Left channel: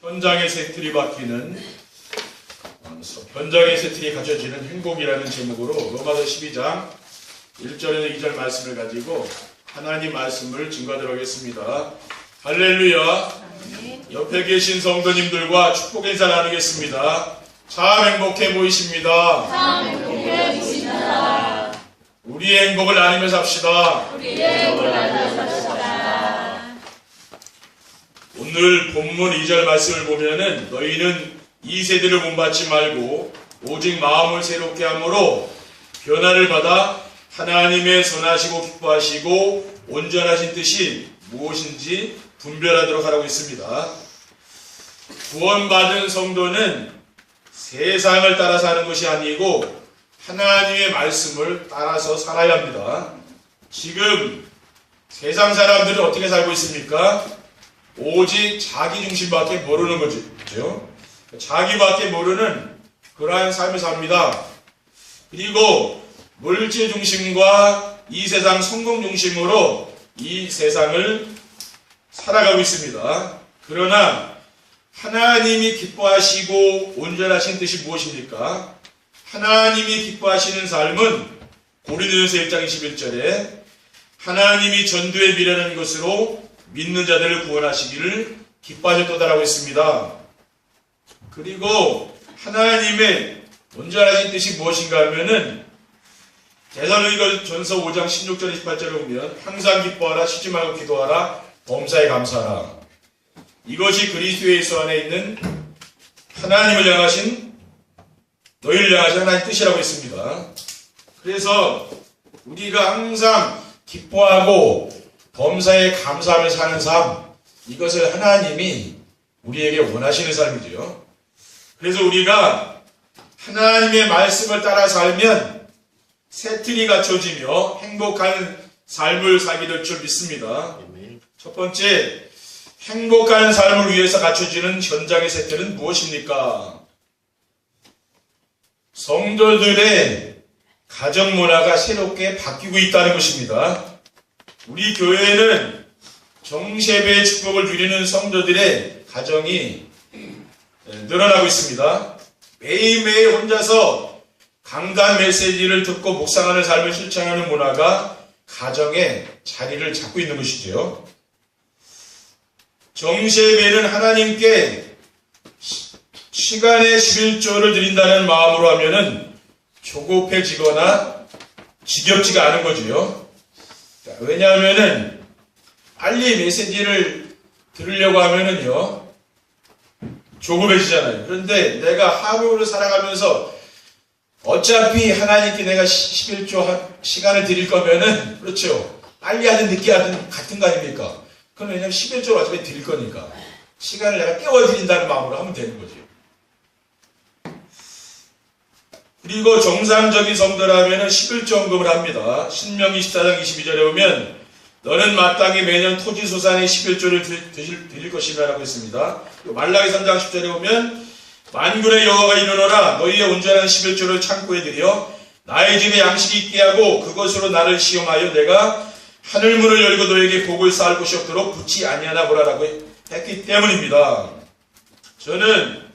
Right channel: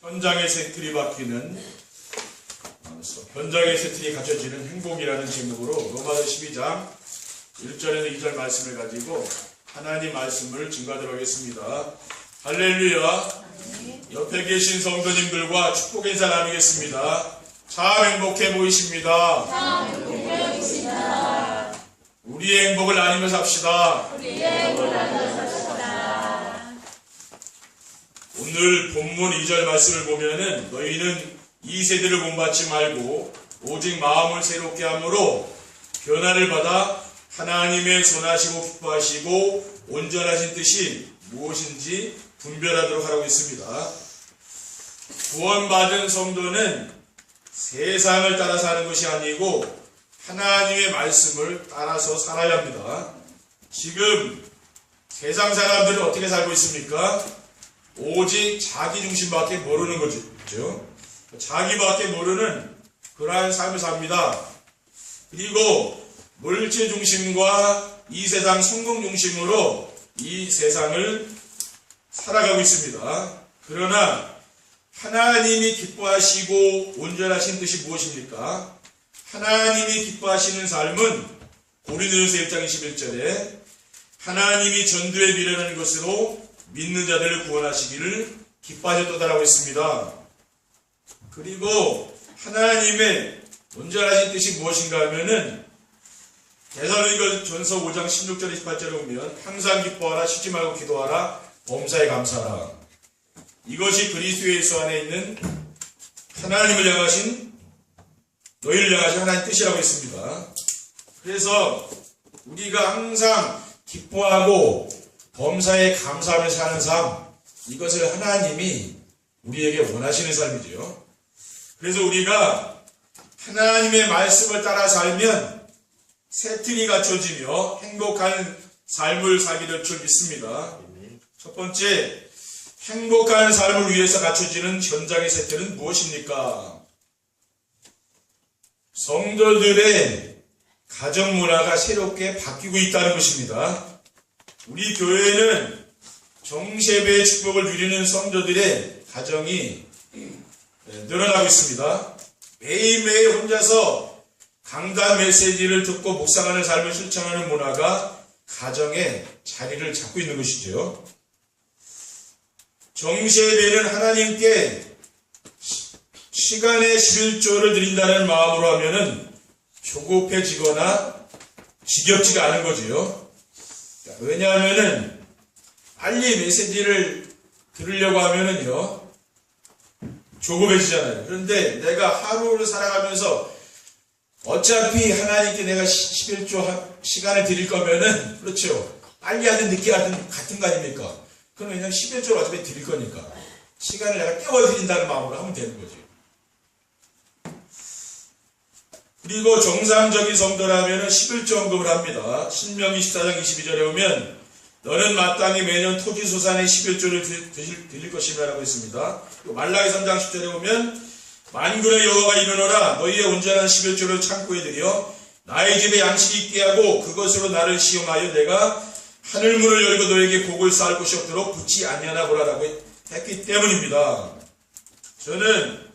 현장의 새틀이 바뀌는 현장의 새틀이 갖춰지는 행복이라는 제목으로 로마서 12장 1절에서 2절 말씀을 가지고 하나님 말씀을 증거하도록 하겠습니다. 할렐루야. 옆에 계신 성도님들과 축복 인사 나누겠습니다. 참 행복해 보이십니다. 참 행복해 보이십니다. 우리의 행복을 나누며 삽시다. 우리의 행복을 나누며 삽시다. 오늘 본문 2절 말씀을 보면은 너희는 이 세대를 본받지 말고 오직 마음을 새롭게 함으로 변화를 받아 하나님의 선하시고 기뻐하시고 온전하신 뜻이 무엇인지 분별하도록 하라고 했습니다. 구원받은 성도는 세상을 따라 사는 것이 아니고 하나님의 말씀을 따라서 살아야 합니다. 지금 세상 사람들은 어떻게 살고 있습니까? 오직 자기 중심밖에 모르는 거죠. 자기밖에 모르는 그러한 삶을 삽니다. 그리고 물질 중심과 이 세상 성공 중심으로 이 세상을 살아가고 있습니다. 그러나 하나님이 기뻐하시고 온전하신 뜻이 무엇입니까? 하나님이 기뻐하시는 삶은 고린도전서 1장 21절에 하나님이 전도에 미련한 것으로 믿는 자들을 구원하시기를 기뻐하셨도다라고 했습니다. 그리고 하나님의 온전하신 뜻이 무엇인가 하면은 데살로니가전서 5장 16절 28절에 보면 항상 기뻐하라, 쉬지 말고 기도하라, 범사에 감사하라. 이것이 그리스도 예수 안에 있는 하나님을 향하신 너희를 향하신 하나님의 뜻이라고 했습니다. 그래서 우리가 항상 기뻐하고 범사에 감사하며 사는 삶, 이것을 하나님이 우리에게 원하시는 삶이죠. 그래서 우리가 하나님의 말씀을 따라 살면 새틀이 갖춰지며 행복한 삶을 살게 될 줄 믿습니다. 첫 번째, 행복한 삶을 위해서 갖춰지는 현장의 새틀은 무엇입니까? 성도들의 가정 문화가 새롭게 바뀌고 있다는 것입니다. 우리 교회는 정세배의 축복을 누리는 성도들의 가정이 늘어나고 있습니다. 매일매일 혼자서 강단 메시지를 듣고 묵상하는 삶을 실천하는 문화가 가정에 자리를 잡고 있는 것이죠. 정세배는 하나님께 시간의 11조를 드린다는 마음으로 하면은 조급해지거나 지겹지가 않은 거죠. 왜냐하면은 빨리 메시지를 들으려고 하면은요 조급해지잖아요. 그런데 내가 하루를 살아가면서 어차피 하나님께 내가 11조 시간을 드릴 거면은 그렇죠. 빨리 하든 늦게 하든 같은 거 아닙니까? 그건 왜냐면 11조를 어차피 드릴 거니까 시간을 내가 깨워 드린다는 마음으로 하면 되는 거죠. 그리고 정상적인 성도라면 11조헌금을 합니다. 신명기 14장 22절에 보면 너는 마땅히 매년 토지 소산의 11조를 드릴 것이라 라고 했습니다. 말라기 3장 10절에 보면 만군의 여호와가 이르노라 너희의 온전한 11조를 창고에 들여 나의 집에 양식이 있게 하고 그것으로 나를 시험하여 내가 하늘문을 열고 너에게 복을 쌓을 곳이 없도록 붙지 아니하나 보라라고 했기 때문입니다. 저는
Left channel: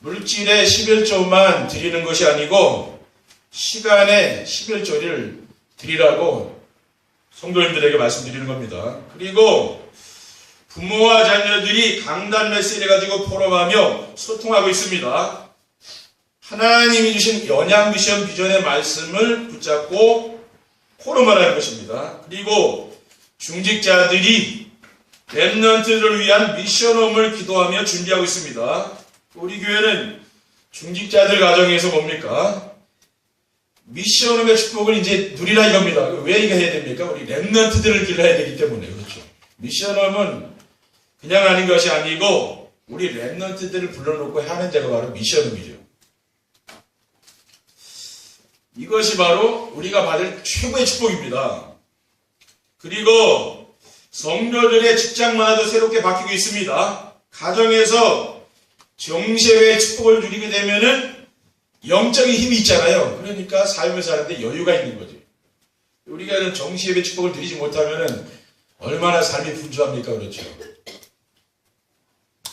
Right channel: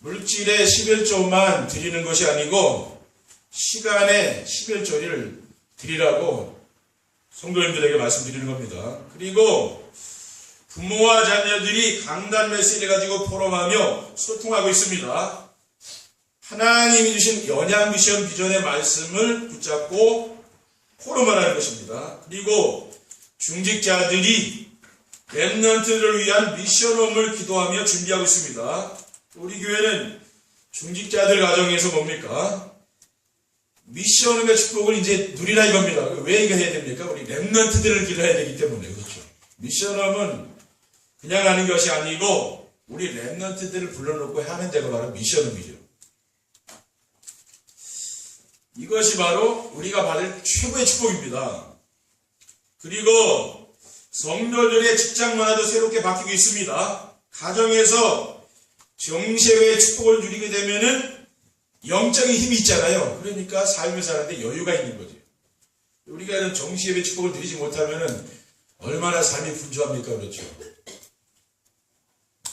물질의 11조만 드리는 것이 아니고 시간의 11조를 드리라고 성도님들에게 말씀드리는 겁니다. 그리고 부모와 자녀들이 강단 메시지를 가지고 포럼하며 소통하고 있습니다. 하나님이 주신 연양 미션 비전의 말씀을 붙잡고 포럼을 하는 것입니다. 그리고 중직자들이 렘넌트를 위한 미션홈을 기도하며 준비하고 있습니다. 우리 교회는 중직자들 가정에서 뭡니까? 미션홈의 축복을 이제 누리라 이겁니다. 왜 이거 해야 됩니까? 우리 렘넌트들을 길러야 되기 때문에 그렇죠. 미션홈은 그냥 하는 것이 아니고 우리 렘넌트들을 불러놓고 하는 자가 바로 미션홈이죠. 이것이 바로 우리가 받을 최고의 축복입니다. 그리고 성도들의 직장 문화도 새롭게 바뀌고 있습니다. 가정에서 정세의 축복을 누리게 되면은 영적인 힘이 있잖아요. 그러니까 삶을 사는데 여유가 있는 거죠. 우리가 정시예배 축복을 드리지 못하면은 얼마나 삶이 분주합니까? 그렇죠.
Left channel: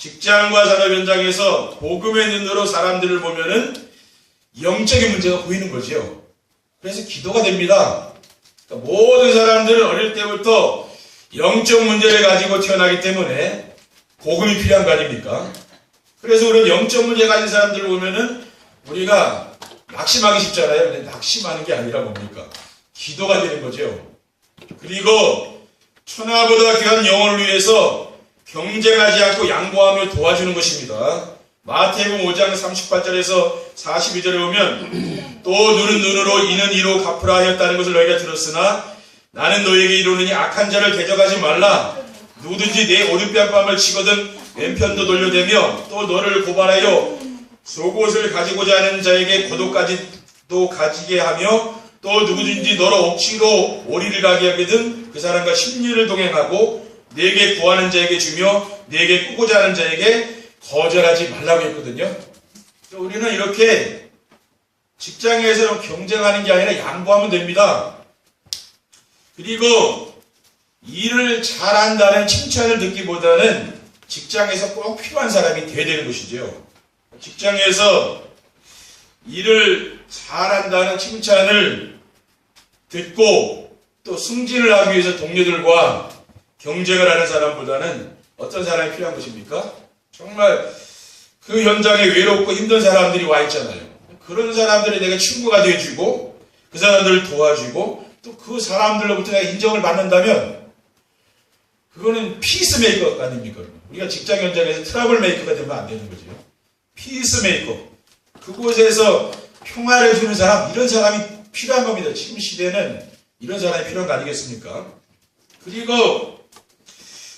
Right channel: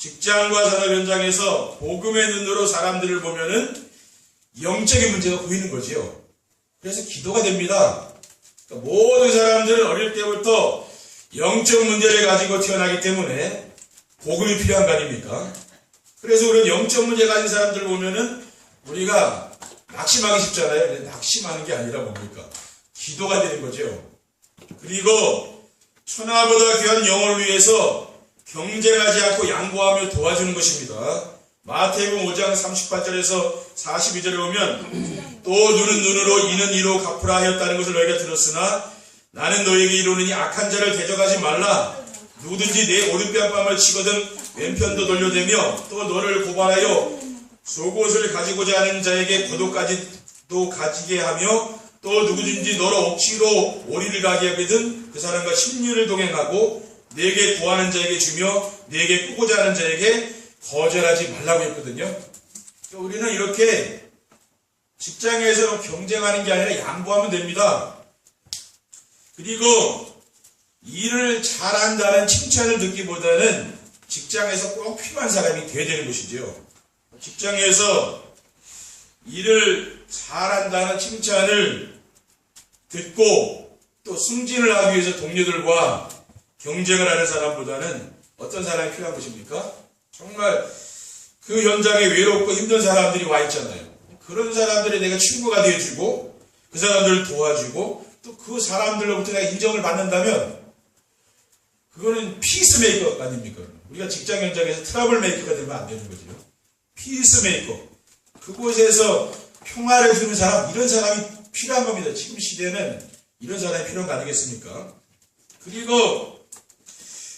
직장과 산업 현장에서 복음의 눈으로 사람들을 보면은 영적인 문제가 보이는 거죠. 그래서 기도가 됩니다. 그러니까 모든 사람들은 어릴 때부터 영적 문제를 가지고 태어나기 때문에 복음이 필요한 거 아닙니까? 그래서 우리는 영적 문제 가진 사람들을 보면은 우리가 낙심하기 쉽잖아요. 근데 낙심하는 게 아니라 뭡니까? 기도가 되는 거죠. 그리고 천하보다 귀한 영혼을 위해서 경쟁하지 않고 양보하며 도와주는 것입니다. 마태복음 5장 38절에서 42절에 보면 또 눈은 눈으로 이는 이로 갚으라 하였다는 것을 너희가 들었으나 나는 너희에게 이르노니 악한 자를 대적하지 말라. 누구든지 내 오른뺨을 치거든 왼편도 돌려대며 또 너를 고발하여 속옷을 가지고자 하는 자에게 고도까지도 가지게 하며 또 누구든지 너로 억지로 오리를 가게 하거든 그 사람과 심리를 동행하고 내게 구하는 자에게 주며 내게 꾸고자 하는 자에게 거절하지 말라고 했거든요. 우리는 이렇게 직장에서 경쟁하는 게 아니라 양보하면 됩니다. 그리고 일을 잘한다는 칭찬을 듣기보다는 직장에서 꼭 필요한 사람이 돼야 되는 것이죠. 직장에서 일을 잘한다는 칭찬을 듣고 또 승진을 하기 위해서 동료들과 경쟁을 하는 사람보다는 어떤 사람이 필요한 것입니까? 정말 그 현장에 외롭고 힘든 사람들이 와 있잖아요. 그런 사람들이 내가 친구가 되어주고 그 사람들을 도와주고 또 그 사람들로부터 내가 인정을 받는다면 그거는 피스메이커 아닙니까? 우리가 직장 현장에서 트러블 메이커가 되면 안 되는 거죠. 피스메이커. 그곳에서 평화를 주는 사람, 이런 사람이 필요한 겁니다. 지금 시대는 이런 사람이 필요한 거 아니겠습니까? 그리고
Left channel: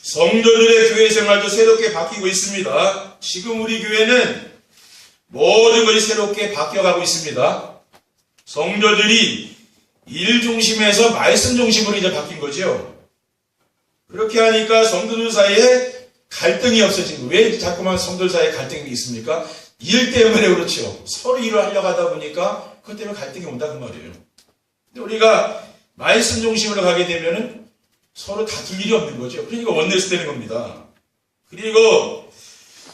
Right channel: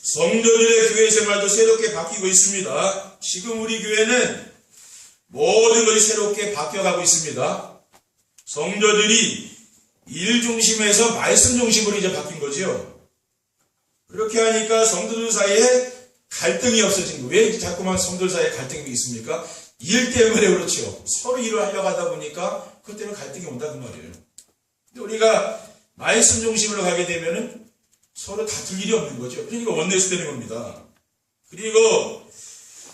성도들의 교회 생활도 새롭게 바뀌고 있습니다. 지금 우리 교회는 모든 것이 새롭게 바뀌어가고 있습니다. 성도들이 일 중심에서 말씀 중심으로 이제 바뀐 거죠. 그렇게 하니까 성도들 사이에 갈등이 없어진 거예요. 왜 자꾸만 성도들 사이에 갈등이 있습니까? 일 때문에 그렇죠. 서로 일을 하려고 하다 보니까 그것 때문에 갈등이 온다 그 말이에요. 근데 우리가 말씀 중심으로 가게 되면은 서로 다툴 일이 없는 거죠. 그러니까 원네스 되는 겁니다. 그리고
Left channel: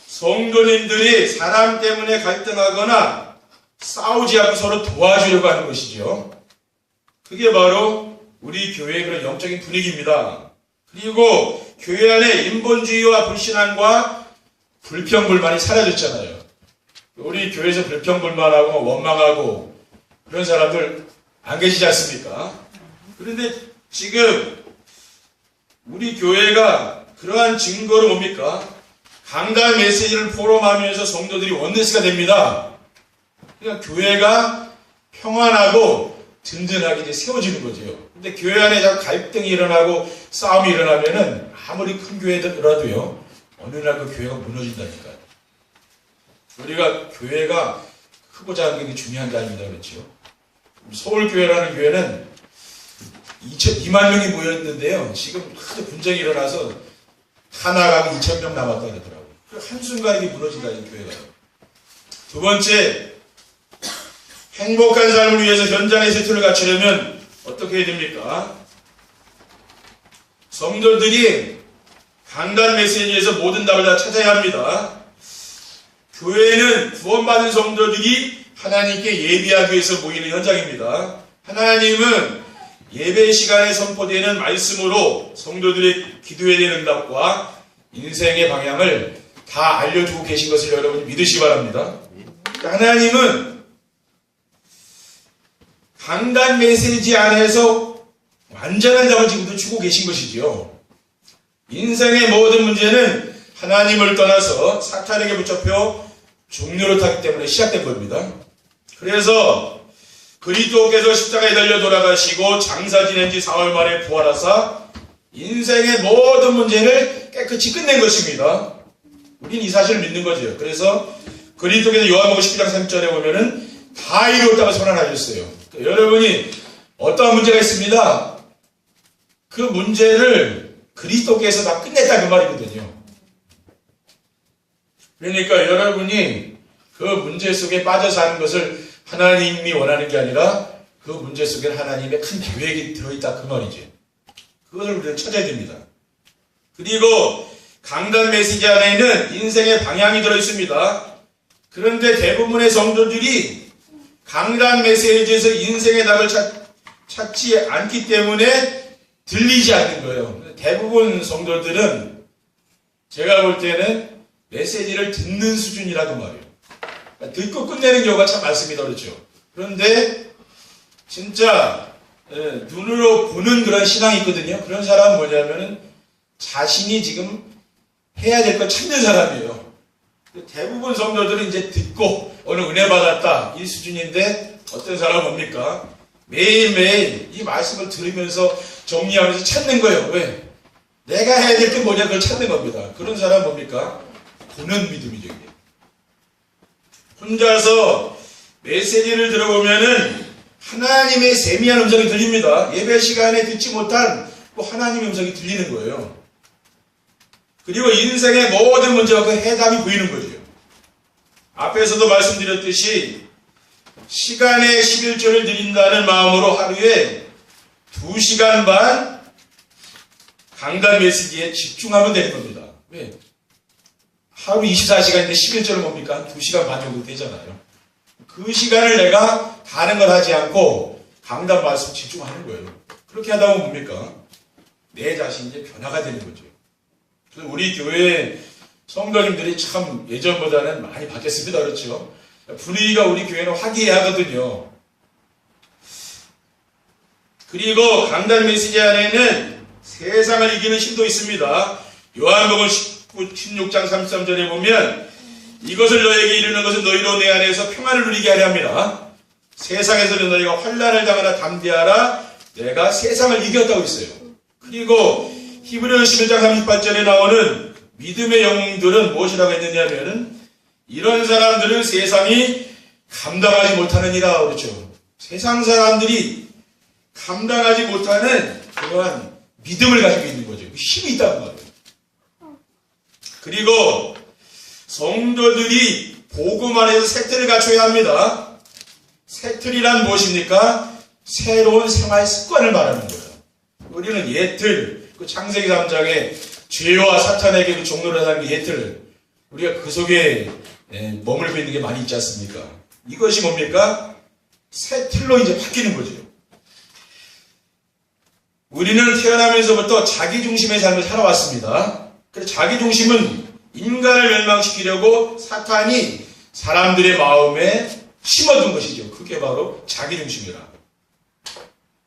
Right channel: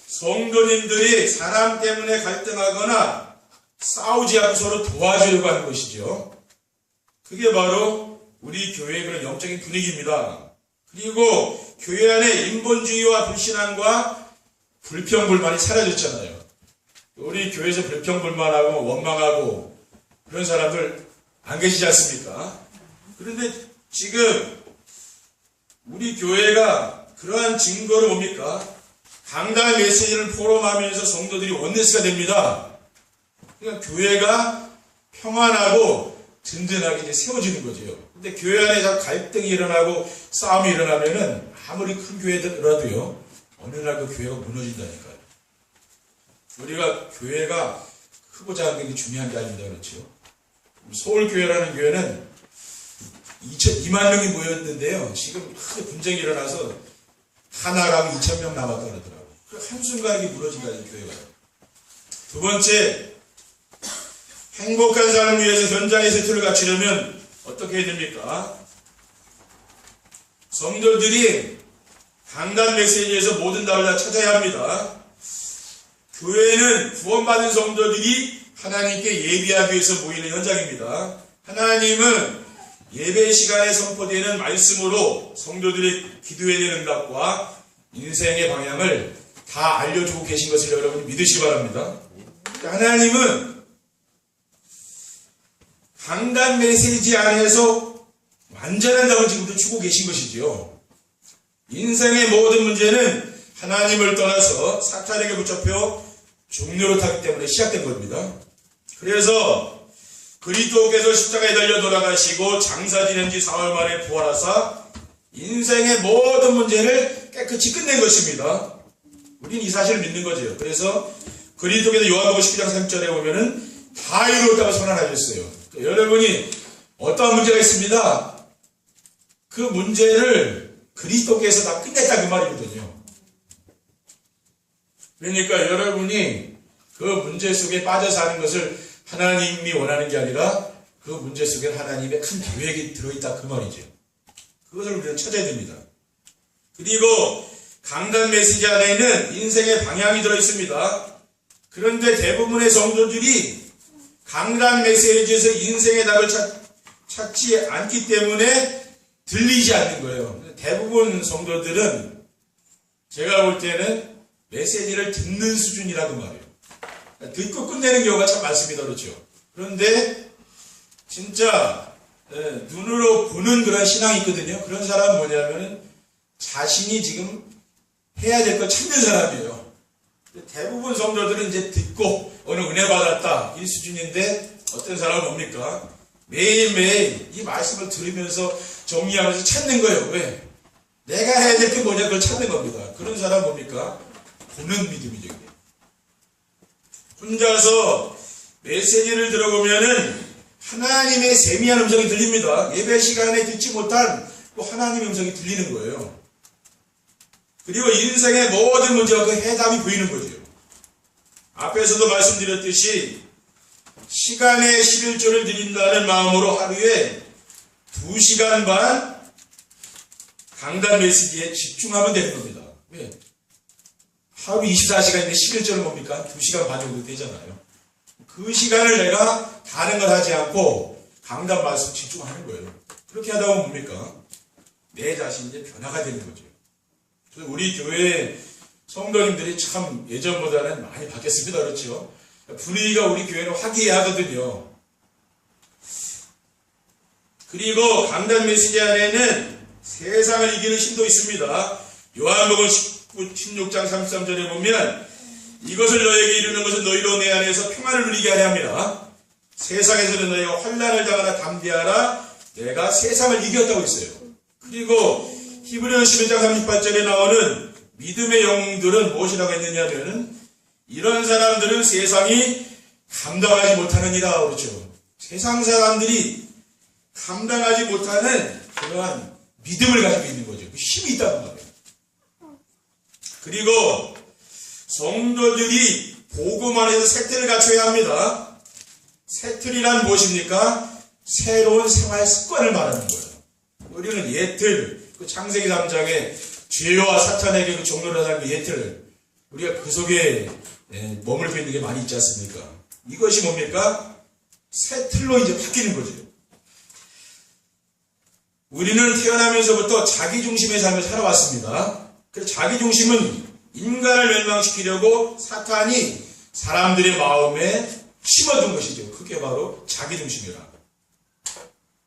성도님들이 사람 때문에 갈등하거나 싸우지 않고 서로 도와주려고 하는 것이죠. 그게 바로 우리 교회의 그런 영적인 분위기입니다. 그리고 교회 안에 인본주의와 불신앙과 불평불만이 사라졌잖아요. 우리 교회에서 불평불만하고 원망하고 그런 사람들 안 계시지 않습니까? 그런데 지금 우리 교회가 그러한 증거로 뭡니까? 강단 메시지를 포럼하면서 성도들이 원네스가 됩니다. 그러니까 교회가 평안하고 든든하게 이제 세워지는 거죠. 근데 교회 안에 갈등이 일어나고 싸움이 일어나면은 아무리 큰 교회더라도요, 어느 날 그 교회가 무너진다니까요. 우리가 교회가 크고 작은 게 중요한 게 아닙니다. 그렇죠? 서울교회라는 교회는 2만 명이 모였는데요. 지금 크게 분쟁이 일어나서 다 나가고 2,000명 남았다 그러더라고요. 한순간에 무너진다, 이 교회가. 두 번째, 행복한 삶을 위해서 현장의 세트를 갖추려면 어떻게 해야 됩니까? 성도들이 강단 메시지에서 모든 답을 다 찾아야 합니다. 교회는 구원받은 성도들이 하나님께 예배하기 위해서 모이는 현장입니다. 하나님은 예배 시간에 선포되는 말씀으로 성도들의 기도에 대한 응답과 인생의 방향을 다 알려주고 계신 것을 여러분이 믿으시기 바랍니다. 하나님은 강단 메시지 안에서 완전한 답을 지금도 주고 계신 것이지요. 인생의 모든 문제는 하나님을 떠나서 사탄에게 붙잡혀 종료로 타기 때문에 시작된 겁니다. 그래서 그리스도께서 십자가에 달려 돌아가시고 장사 지낸 지 4월 만에 부활하사 인생의 모든 문제를 깨끗이 끝낸 것입니다. 우리는 이 사실을 믿는 거죠. 그래서 그리스도께서 요한복음 12장 3절에 보면은 다 이루었다고 선언하셨어요. 여러분이 어떠한 문제가 있습니다. 그 문제를 그리스도께서 다 끝냈다 그 말이거든요. 그러니까 여러분이 그 문제 속에 빠져 사는 것을 하나님이 원하는 게 아니라 그 문제 속에 하나님의 큰 계획이 들어있다 그 말이죠. 그것을 우리는 찾아야 됩니다. 그리고 강단 메시지 안에는 인생의 방향이 들어있습니다. 그런데 대부분의 성도들이 강단 메시지에서 인생의 답을 찾지 않기 때문에 들리지 않는 거예요. 대부분 성도들은 제가 볼 때는 메시지를 듣는 수준이라고 말이에요. 듣고 끝내는 경우가 참 많습니다. 그렇죠? 그런데 진짜 눈으로 보는 그런 신앙이 있거든요. 그런 사람은 뭐냐면은 자신이 지금 해야 될 걸 찾는 사람이에요. 대부분 성도들은 이제 듣고 오늘 은혜 받았다 이 수준인데 어떤 사람은 뭡니까? 매일매일 이 말씀을 들으면서 정리하면서 찾는 거예요. 왜? 내가 해야 될 게 뭐냐 그걸 찾는 겁니다. 그런 사람은 뭡니까? 보는 믿음이죠. 이게. 혼자서 메시지를 들어보면은 하나님의 세미한 음성이 들립니다. 예배 시간에 듣지 못한 하나님의 음성이 들리는 거예요. 그리고 인생의 모든 문제와 그 해답이 보이는 거죠. 앞에서도 말씀드렸듯이 시간의 11조를 드린다는 마음으로 하루에 2시간 반 강단 메시지에 집중하면 되는 겁니다. 왜? 하루 24시간인데 11조는 뭡니까? 2시간 반 정도 되잖아요. 그 시간을 내가 다른 걸 하지 않고 강단 말씀 집중하는 거예요. 그렇게 하다 보면 뭡니까? 내 자신이 이제 변화가 되는 거죠. 그래서 우리 교회 성도님들이 참 예전보다는 많이 바뀌었습니다. 그렇죠? 분위기가 우리 교회는 화기애애하거든요. 그리고 강단 메시지 안에는 세상을 이기는 힘도 있습니다. 요한복음 16장 33절에 보면 이것을 너에게 이르는 것은 너희로 내 안에서 평안을 누리게 하려 합니다. 세상에서는 너희가 환난을 당하나 담대하라. 내가 세상을 이겼다고 했어요. 그리고 히브리서 11장 38절에 나오는 믿음의 영웅들은 무엇이라고 했느냐면 이런 사람들은 세상이 감당하지 못하느니라 그렇죠. 세상 사람들이 감당하지 못하는 그러한 믿음을 가지고 있는 거죠. 힘이 있다는 거예요. 그리고 성도들이 복음 안에서 색틀을 갖춰야 합니다. 색틀이란 무엇입니까? 새로운 생활 습관을 말하는 거예요. 우리는 예틀, 그 창세기 3장에 죄와 사탄에게 그 종로를 하는 게 예틀, 우리가 그 속에 머물고 있는 게 많이 있지 않습니까? 이것이 뭡니까? 새 틀로 이제 바뀌는 거죠. 우리는 태어나면서부터 자기중심의 삶을 살아왔습니다. 그래서 자기중심은 인간을 멸망시키려고 사탄이 사람들의 마음에 심어둔 것이죠. 그게 바로 자기중심이라.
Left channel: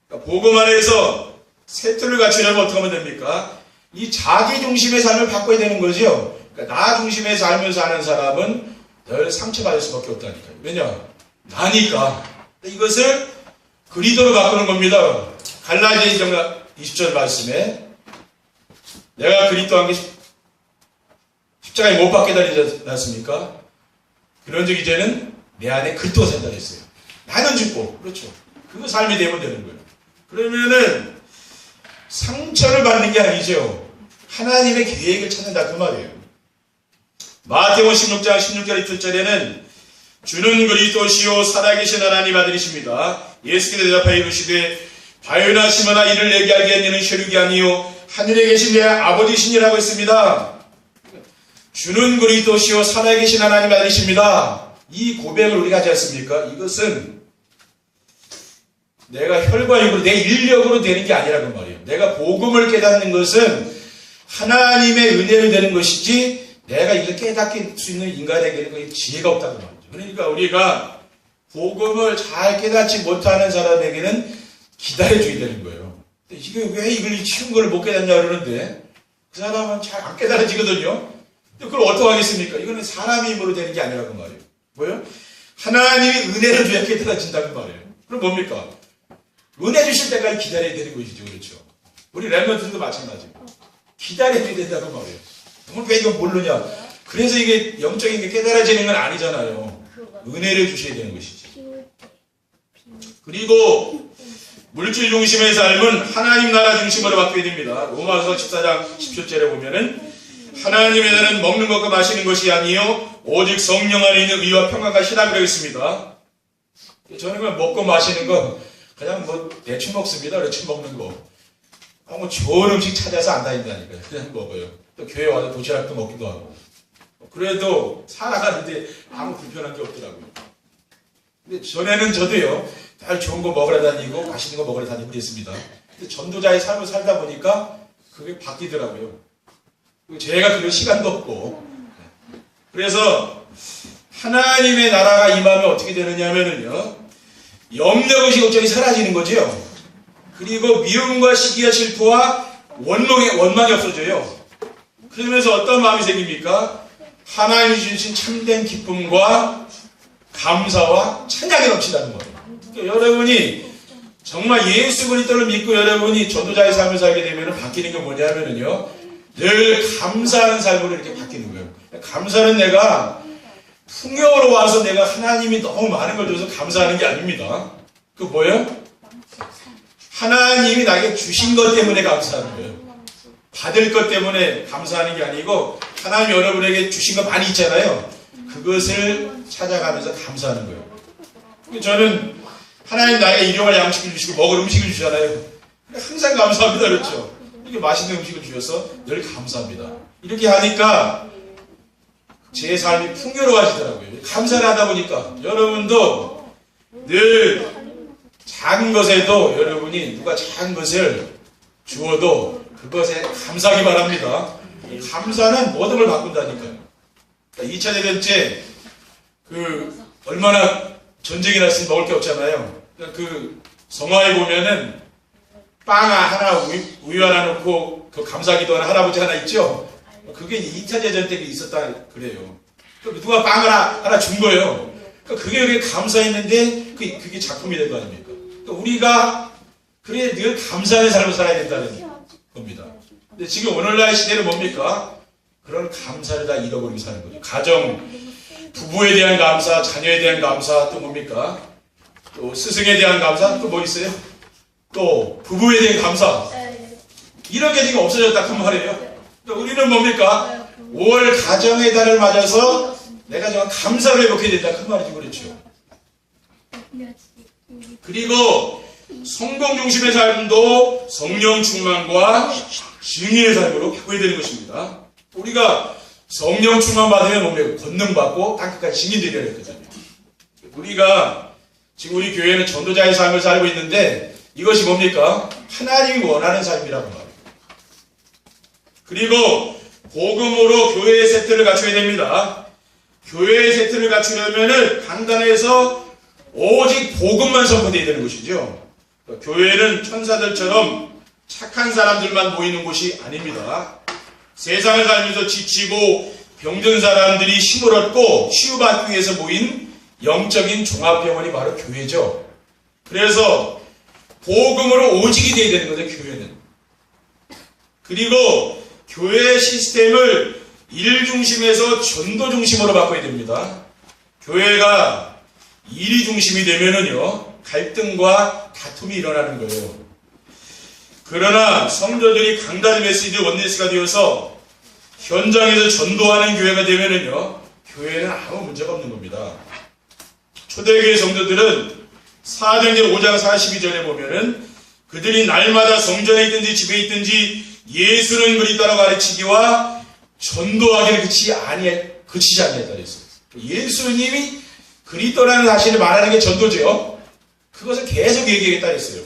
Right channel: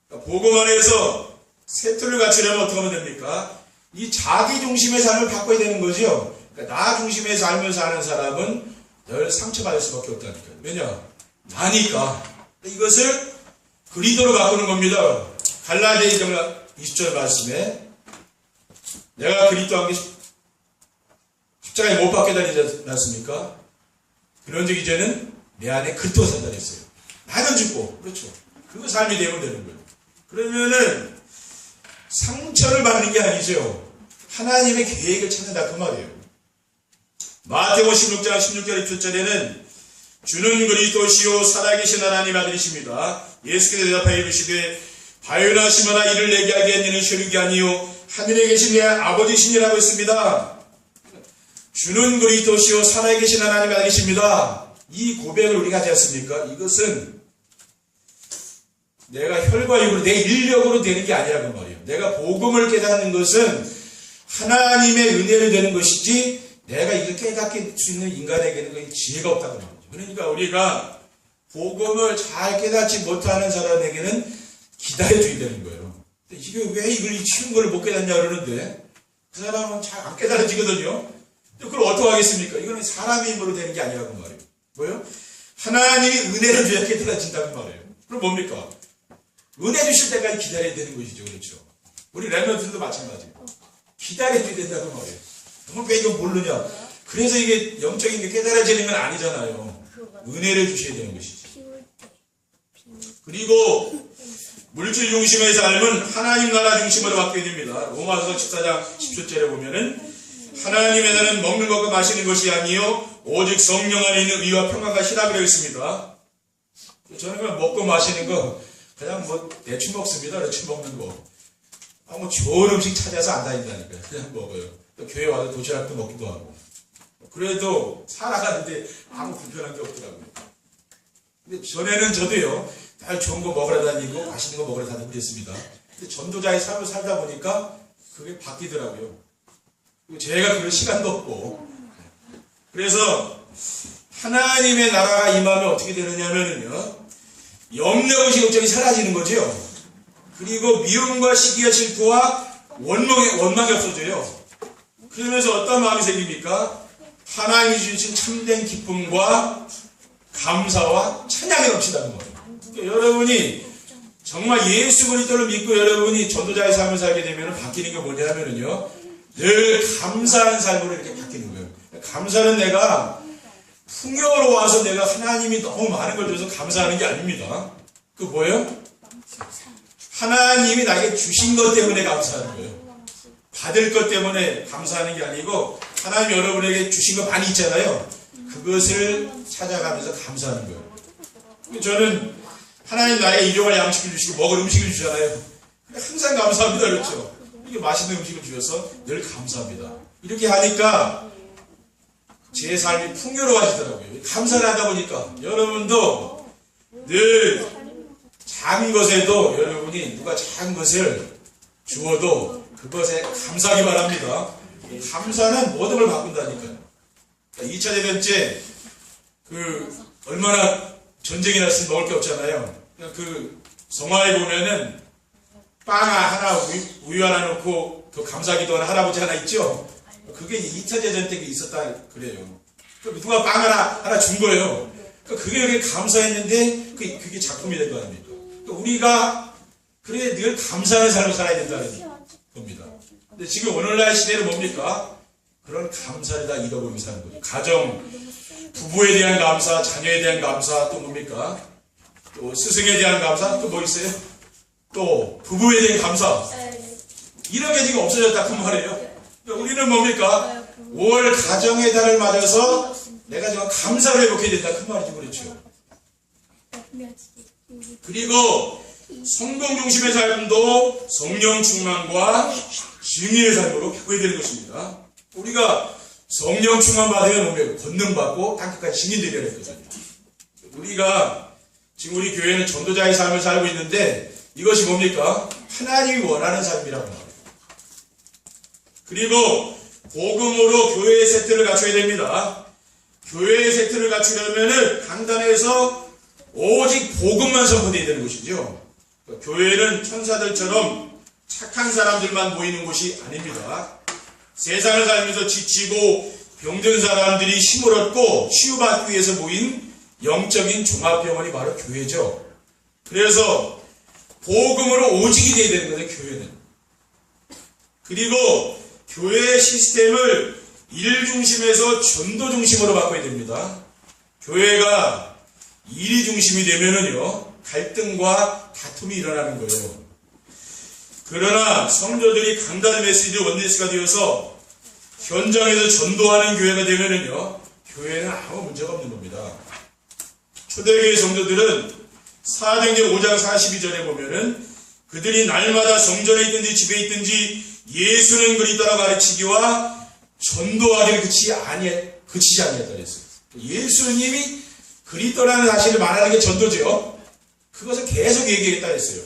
그러니까 복음 안에서 새 틀을 갖추려면 어떻게 하면 됩니까? 이 자기중심의 삶을 바꿔야 되는 거죠. 그러니까 나 중심의 삶을 사는 사람은 늘 상처받을 수밖에 없다니까요. 왜냐? 나니까. 이것을 그리스도로 바꾸는 겁니다. 갈라디아 2장 20절 말씀에 내가 그리스도와 함께 십자가에 못 박게 달리지 않았습니까? 그런즉 이제는 내 안에 그리스도가 산다 했어요. 나는 죽고 그렇죠. 그 삶이 되면 되는 거예요. 그러면은 상처를 받는 게 아니죠. 하나님의 계획을 찾는다 그 말이에요. 마태복음 16장 16절 17절에는 주는 그리스도시요 살아계신 하나님 아들이십니다. 예수께서 대답하여 이르시되 바요나 시모나 이를 내게 알게 한 이는 혈육이 아니요 하늘에 계신 내 아버지시니라고 했습니다. 주는 그리스도시요 살아계신 하나님 아들이십니다. 이 고백을 우리가 하지 않습니까? 이것은 내가 혈과 육으로 내 인력으로 되는 게 아니라는 말이에요. 내가 복음을 깨닫는 것은 하나님의 은혜를 되는 것이지 내가 이걸 깨닫게 수 있는 인간에게는 지혜가 없다고 말이죠. 그러니까 우리가 복음을 잘 깨닫지 못하는 사람에게는 기다려주게 되는 거예요. 이게 왜 이걸 쉬운 걸 못 깨닫냐 그러는데 그 사람은 잘 안 깨달아지거든요. 그걸 어떻게 하겠습니까? 이거는 사람의 힘으로 되는 게 아니라고 말이에요. 뭐예요? 하나님이 은혜를 줘야 깨달아진다는 말이에요. 그럼 뭡니까? 은혜 주실 때까지 기다려야 되는 것이죠. 그렇죠? 우리 랩런트들도 마찬가지예요. 기다려야 된다고 말이에요. 그럼 왜 이건 모르냐? 그래서 이게 영적인 게 깨달아지는 건 아니잖아요. 은혜를 주셔야 되는 것이죠. 그리고 물질 중심의 삶은 하나님 나라 중심으로 바뀌어야 됩니다. 로마서 14장 17절에 보면은 하나님의 나라는 먹는 것과 마시는 것이 아니요 오직 성령 안에 있는 의와 평안과 희락이라고 되어 있습니다. 저는 그냥 먹고 마시는 거 그냥 뭐 대충 먹습니다. 대충 먹는 거. 뭐 좋은 음식 찾아서 안 다닌다니까요. 그냥 먹어요. 또 교회 와서 도시락도 먹기도 하고. 그래도 살아가는데 아무 불편한 게 없더라고요. 근데 전에는 저도요, 다 좋은 거 먹으러 다니고 맛있는 거 먹으러 다니고 그랬습니다. 근데 전도자의 삶을 살다 보니까 그게 바뀌더라고요. 그리고 제가 그럴 시간도 없고. 그래서 하나님의 나라가 임하면 어떻게 되느냐 하면은요, 염려의식 걱정이 사라지는 거죠. 그리고 미움과 시기와 질투와 원망이 없어져요. 그러면서 어떤 마음이 생깁니까? 하나님이 주신 참된 기쁨과 감사와 찬양이 넘치다는 거예요. 그러니까 여러분이 정말 예수 그리스도를 믿고 여러분이 전도자의 삶을 살게 되면 바뀌는 게 뭐냐면요, 늘 감사하는 삶으로 이렇게 바뀌는 거예요. 감사는 내가 풍요로 와서 내가 하나님이 너무 많은 걸 줘서 감사하는 게 아닙니다. 그 뭐예요? 하나님이 나에게 주신 것 때문에 감사하는 거예요. 받을 것 때문에 감사하는 게 아니고 하나님이 여러분에게 주신 거 많이 있잖아요. 그것을 찾아가면서 감사하는 거예요. 저는 하나님 나에게 일용할 양식을 주시고 먹을 음식을 주잖아요. 항상 감사합니다. 그렇죠? 이렇게 맛있는 음식을 주셔서 늘 감사합니다. 이렇게 하니까 제 삶이 풍요로워지더라고요. 감사를 하다 보니까 여러분도 늘 작은 것에도 여러분이 누가 작은 것을 주어도 그것에 감사하기 바랍니다. 감사는 모든 걸 바꾼다니까요. 2차 대전 때 얼마나 전쟁이 났으니 먹을 게 없잖아요. 그 성화에 보면은 빵 하나 우유 하나 넣고 그 감사기도 하는 할아버지 하나 있죠. 그게 2차 대전 때 있었다 그래요. 누가 빵 하나 준 거예요. 그게 감사했는데 그게 작품이 된 거 아닙니까? 우리가 그래 늘 감사의 삶을 살아야 된다는 겁니다. 근데 지금 오늘날 시대는 뭡니까? 그런 감사를 다 잃어버리고 사는 거예요. 가정, 부부에 대한 감사, 자녀에 대한 감사, 또 뭡니까? 또 스승에 대한 감사, 또 뭐 있어요? 또 부부에 대한 감사. 이런 게 지금 없어졌다 그 말이에요. 우리는 뭡니까? 5월 가정의 달을 맞아서 내가 정말 감사를 회복해야 된다 그 말이죠. 그렇죠. 그리고 성공 중심의 삶도 성령 충만과 증인의 삶으로 바꿔야 되는 것입니다. 우리가 성령 충만 받으면 뭡니까? 권능 받고 땅끝까지 증인들이 되는 거잖아요. 우리가 지금 우리 교회는 전도자의 삶을 살고 있는데 이것이 뭡니까? 하나님이 원하는 삶이라고 말합니다. 그리고 복음으로 교회의 세트를 갖춰야 됩니다. 교회의 세트를 갖추려면은 강단에서 오직 복음만 선포되어야 되는 것이죠. 교회는 천사들처럼 착한 사람들만 모이는 곳이 아닙니다. 세상을 살면서 지치고 병든 사람들이 힘을 얻고 치유받기 위해서 모인 영적인 종합병원이 바로 교회죠. 그래서 복음으로 오직이 되어야 되는 거죠, 교회는. 그리고 교회 시스템을 일 중심에서 전도 중심으로 바꿔야 됩니다. 교회가 일이 중심이 되면은요, 갈등과 다툼이 일어나는 거예요. 그러나 성도들이 강단 메시지 원네스가 되어서 현장에서 전도하는 교회가 되면은요, 교회는 아무 문제가 없는 겁니다. 초대교회 성도들은 사도행전 5장 42절에 보면은 그들이 날마다 성전에 있든지 집에 있든지 예수는 그리스도라고 가르치기와 전도하기를 그치지 아니했다 그랬어요. 예수님이 그리스도라는 사실을 말하는 게 전도죠. 그것을 계속 얘기하겠다 했어요.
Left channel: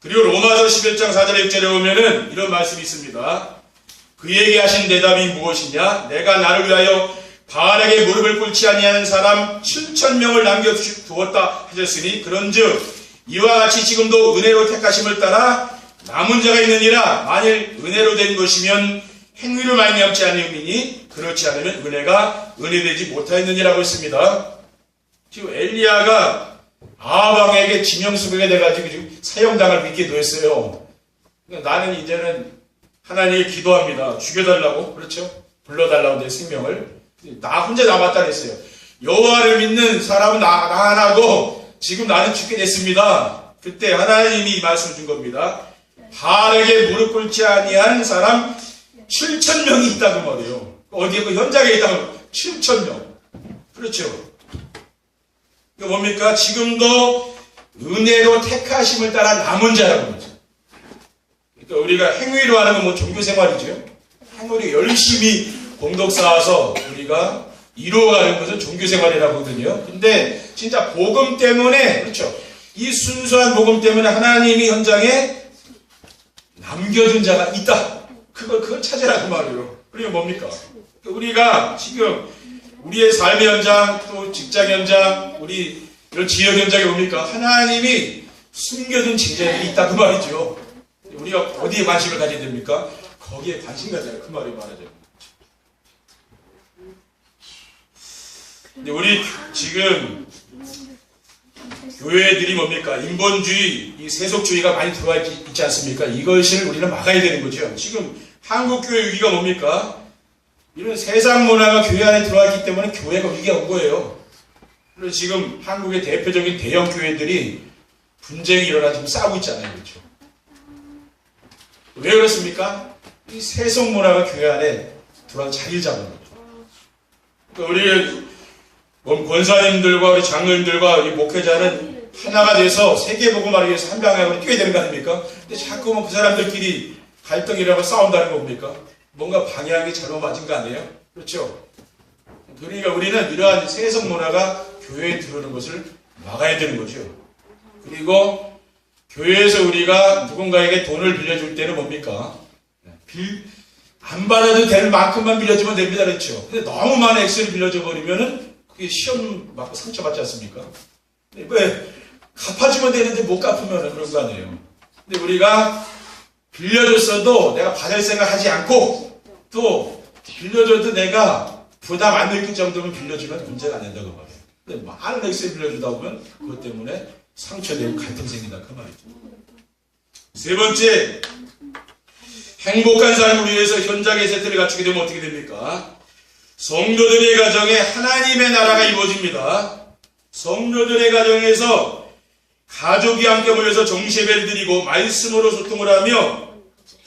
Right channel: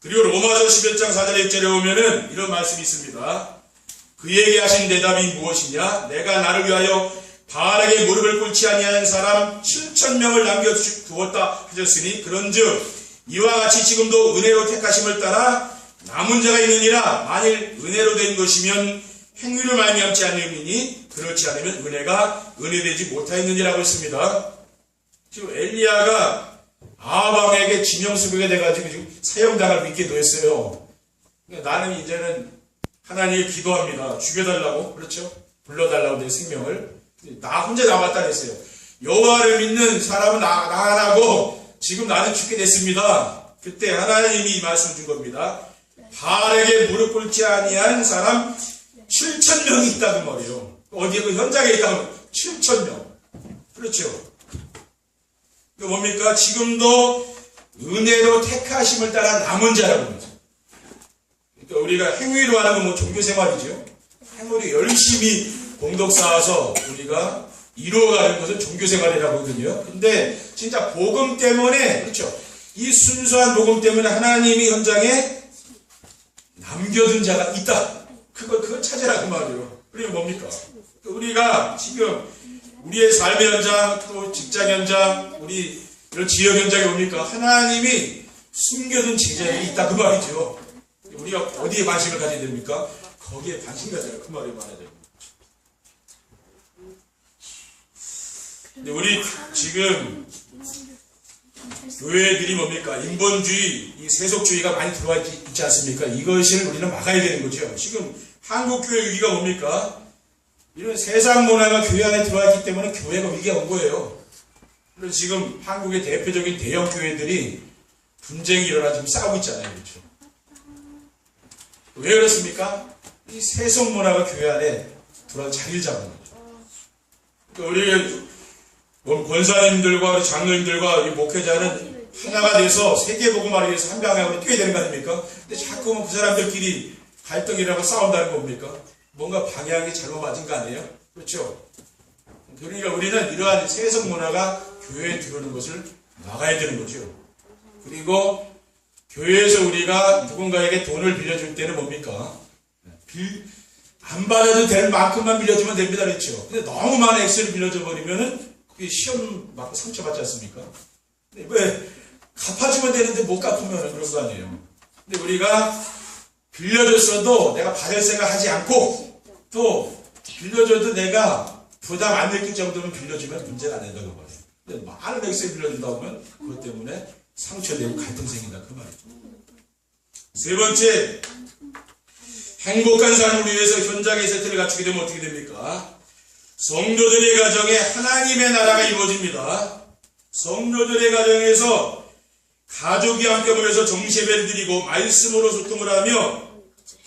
그리고 로마서 11장 4절에 6절에 보면은 이런 말씀이 있습니다. 그에게 하신 대답이 무엇이냐? 내가 나를 위하여 바알에게 무릎을 꿇지 아니하는 사람 7,000명을 남겨두었다 하셨으니 그런즉 이와 같이 지금도 은혜로 택하심을 따라 남은 자가 있느니라. 만일 은혜로 된 것이면 행위로 말미암지 않으니 그렇지 않으면 은혜가 은혜되지 못하였느니라고 했습니다. 지금 엘리야가 아합왕에게 진영수배가 돼가지고 지금 사형당할 위기에 놓였어요. 나는 이제는 하나님께 기도합니다. 죽여달라고, 그렇죠? 불러달라고 내 생명을. 나 혼자 남았다 그랬어요. 여호와를 믿는 사람은 나 하나고 지금 나는 죽게 됐습니다. 그때 하나님이 이 말씀을 준 겁니다. 바알에게 무릎 꿇지 아니한 사람 7,000명이 있다고 말이에요. 어디에 그 현장에 있다고 7,000명. 그렇죠. 그 뭡니까? 지금도 은혜로 택하심을 따라 남은 자라고 그러죠. 그러니까 우리가 행위로 하는 건 뭐 종교생활이죠. 행위를 열심히 공덕 쌓아서 우리가 이루어가는 것은 종교생활이라고 하거든요. 근데 진짜 복음 때문에, 그렇죠, 이 순수한 복음 때문에 하나님이 현장에 남겨둔 자가 있다. 그걸 찾으라 그 말이에요. 그리고 뭡니까? 우리가 지금 우리의 삶의 현장, 또 직장 현장, 우리 이런 지역 현장에 뭡니까? 하나님이 숨겨둔 제자들이 있다 그 말이죠. 우리가 어디에 관심을 가져야 됩니까? 거기에 관심 가져라 그 말이 말하죠. 근데 우리 지금 교회들이 뭡니까? 인본주의, 이 세속주의가 많이 들어와 있지 않습니까? 이것을 우리는 막아야 되는 거죠. 지금 한국교회 위기가 뭡니까? 이런 세상 문화가 교회 안에 들어와 있기 때문에 교회가 위기가 온 거예요. 그래서 지금 한국의 대표적인 대형 교회들이 분쟁이 일어나 지금 싸우고 있잖아요. 그렇죠? 왜 그렇습니까? 이 세속 문화가 교회 안에 들어와 자리를 잡는 거죠. 그러니까 우리 권사님들과 우리 장로님들과 우리 목회자는 하나가 돼서 세계복음을 하기 위해서 한 방향으로 뛰어야 되는 거 아닙니까? 근데 자꾸만 그 사람들끼리 갈등이라고 싸운다는 거 뭡니까? 뭔가 방향이 잘못 맞은 거 아니에요? 그렇죠? 그러니까 우리는 이러한 세속 문화가 교회에 들어오는 것을 막아야 되는 거죠. 그리고 교회에서 우리가 누군가에게 돈을 빌려줄 때는 뭡니까? 안 받아도 될 만큼만 빌려주면 됩니다. 그렇죠? 근데 너무 많은 액수를 빌려줘 버리면은 그게 시험 맞고 상처받지 않습니까? 왜? 갚아주면 되는데 못 갚으면 그런 거 아니에요. 근데 우리가 빌려줬어도 내가 받을 생각 하지 않고 또 빌려줘도 내가 부담 안 느낄 정도는 빌려주면 문제가 안 된다고 말해요. 근데 많은 액수를 빌려준다 보면 그것 때문에 상처되고 갈등 생긴다 그 말이죠. 세 번째, 행복한 삶을 위해서 현장의 세트를 갖추게 되면 어떻게 됩니까? 성도들의 가정에 하나님의 나라가 이루어집니다. 성도들의 가정에서 가족이 함께 모여서 정시예배를 드리고 말씀으로 소통을 하며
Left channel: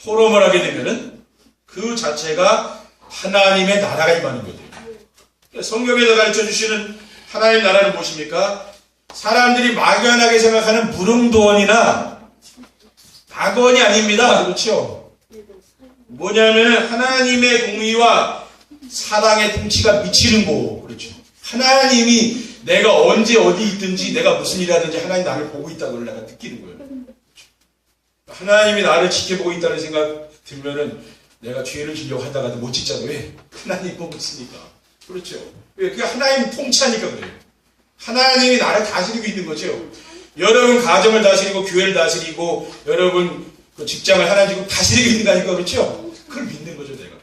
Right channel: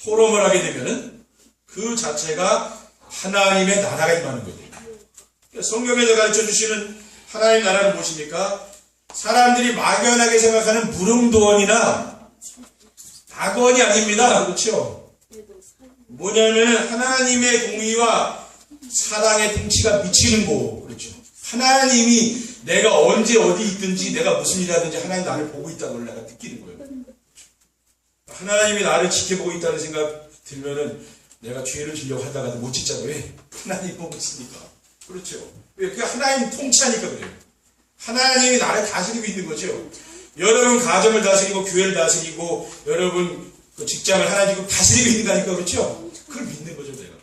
포럼을 하게 되면은 그 자체가 하나님의 나라가 임하는 거예요. 성경에서 가르쳐 주시는 하나님의 나라는 무엇입니까? 사람들이 막연하게 생각하는 무릉도원이나 낙원이 아닙니다. 그렇죠? 뭐냐면 하나님의 공의와 사랑의 통치가 미치는 곳. 그렇죠? 하나님이 내가 언제 어디 있든지 내가 무슨 일 하든지 하나님 나를 보고 있다는 걸 내가 느끼는 거예요. 하나님이 나를 지켜보고 있다는 생각 들면은 내가 죄를 지려고 하다가도 못 짓잖아요. 왜? 하나님이 보고 있으니까. 그렇죠? 왜? 그게 하나님 통치하니까 그래요. 하나님이 나를 다스리고 있는 거죠. 여러분 가정을 다스리고 교회를 다스리고 여러분 그 직장을 하나님 다스리고 있다니까. 그렇죠? 그걸 믿는 거죠, 내가.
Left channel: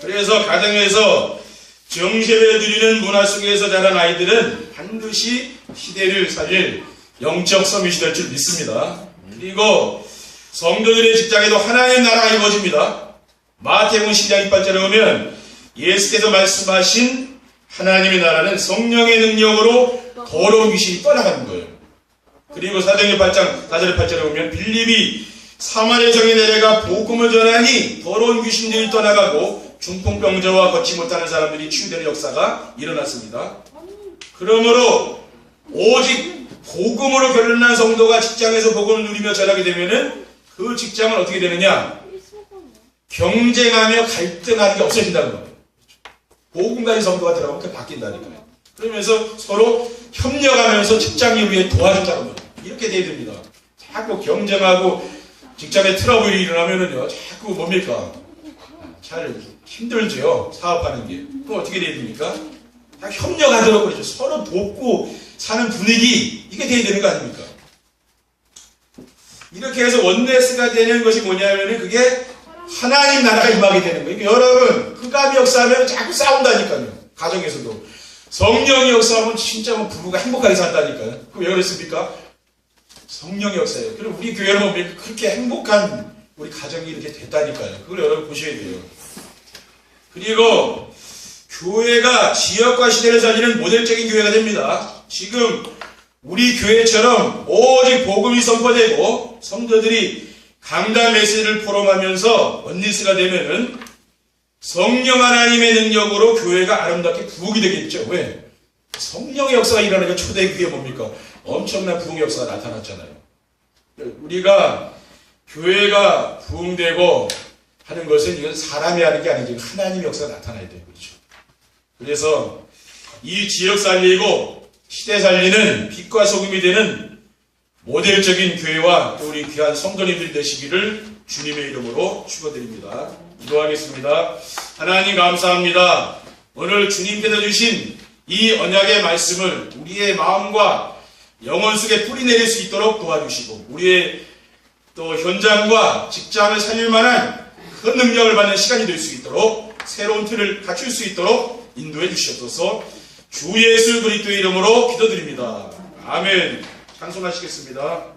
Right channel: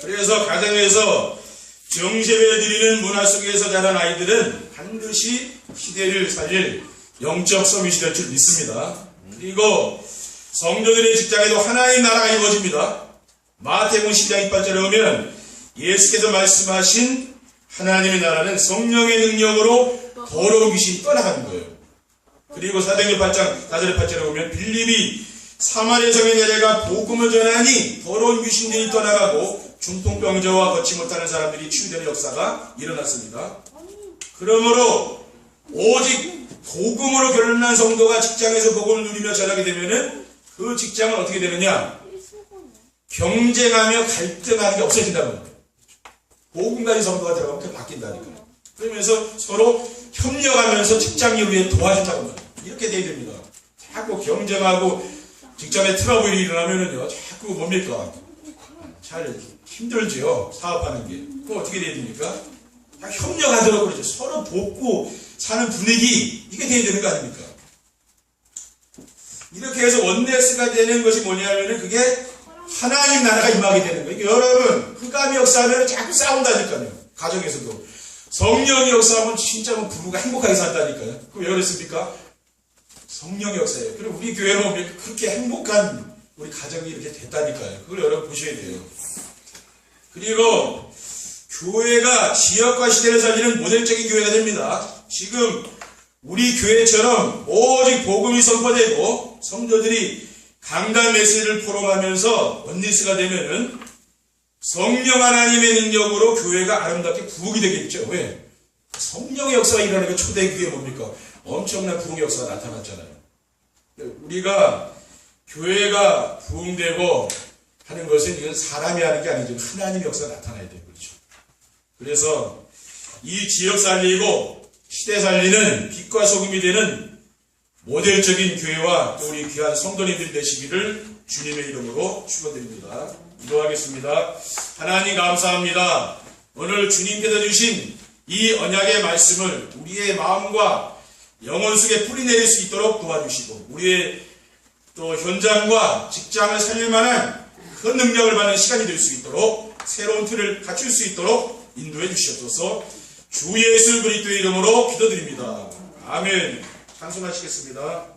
그래서 가정에서 정세배를 드리는 문화 속에서 자란 아이들은 반드시 시대를 살릴 영적 서밋이 될 줄 믿습니다. 그리고 성도들의 직장에도 하나의 나라가 이루어집니다. 마태복음 10장 28절에 보면 예수께서 말씀하신 하나님의 나라는 성령의 능력으로 더러운 귀신이 떠나가는 거예요. 그리고 사도행전 8장 4절에 8절에 보면 빌립이 사마리아 성에 내려가 복음을 전하니 더러운 귀신들이 떠나가고 중풍병자와 걷지 못하는 사람들이 치유되는 역사가 일어났습니다. 그러므로 오직 복음으로 결론난 성도가 직장에서 복음을 누리며 전하게 되면은 그 직장은 어떻게 되느냐? 경쟁하며 갈등하는 게 없어진다는 거예요. 복음 가진 성도가 들어가면 그게 바뀐다니까요. 그러면서 서로 협력하면서 직장을 위해 도와준다는 거예요. 이렇게 돼야 됩니다. 자꾸 경쟁하고 직장에 트러블이 일어나면은요, 자꾸 뭡니까? 잘 힘들죠. 사업하는 게. 그럼 어떻게 돼야 됩니까? 다 협력하도록 그러죠. 서로 돕고 사는 분위기, 이게 돼야 되는 거 아닙니까? 이렇게 해서 원네스가 되는 것이 뭐냐면은 그게 하나님 나라가 임하게 되는 거예요. 그러니까 여러분, 흑암이 역사하면 자꾸 싸운다니까요. 가정에서도. 성령이 역사하면 진짜 부부가 행복하게 산다니까요. 그럼 왜 그랬습니까? 성령의 역사예요. 그리고 우리 교회는 보면 그렇게 행복한 우리 가정이 이렇게 됐다니까요. 그걸 여러분 보셔야 돼요. 그리고 교회가 지역과 시대를 살리는 모델적인 교회가 됩니다. 지금 우리 교회처럼 오직 복음이 선포되고 성도들이 강단 메시지를 포럼하면서 원리스가 되면은 성령 하나님의 능력으로 교회가 아름답게 부흥이 되겠죠. 왜? 성령의 역사가 일어나니까 초대교회 뭡니까? 엄청난 부흥의 역사가 나타났잖아요. 우리가 교회가 부흥되고 하는 것은 이건 사람이 하는 게 아니지 하나님의 역사가 나타나야 되는 거죠. 그래서 이 지역 살리고 시대 살리는 빛과 소금이 되는 모델적인 교회와 또 우리 귀한 성도님들 되시기를 주님의 이름으로 축원드립니다. 기도하겠습니다. 하나님 감사합니다. 오늘 주님께서 주신 이 언약의 말씀을 우리의 마음과 영혼 속에 뿌리내릴 수 있도록 도와주시고 우리의 또 현장과 직장을 살릴 만한 큰 능력을 받는 시간이 될 수 있도록 새로운 틀을 갖출 수 있도록 인도해 주시옵소서. 주 예수 그리스도의 이름으로 기도드립니다. 아멘. 찬송하시겠습니다.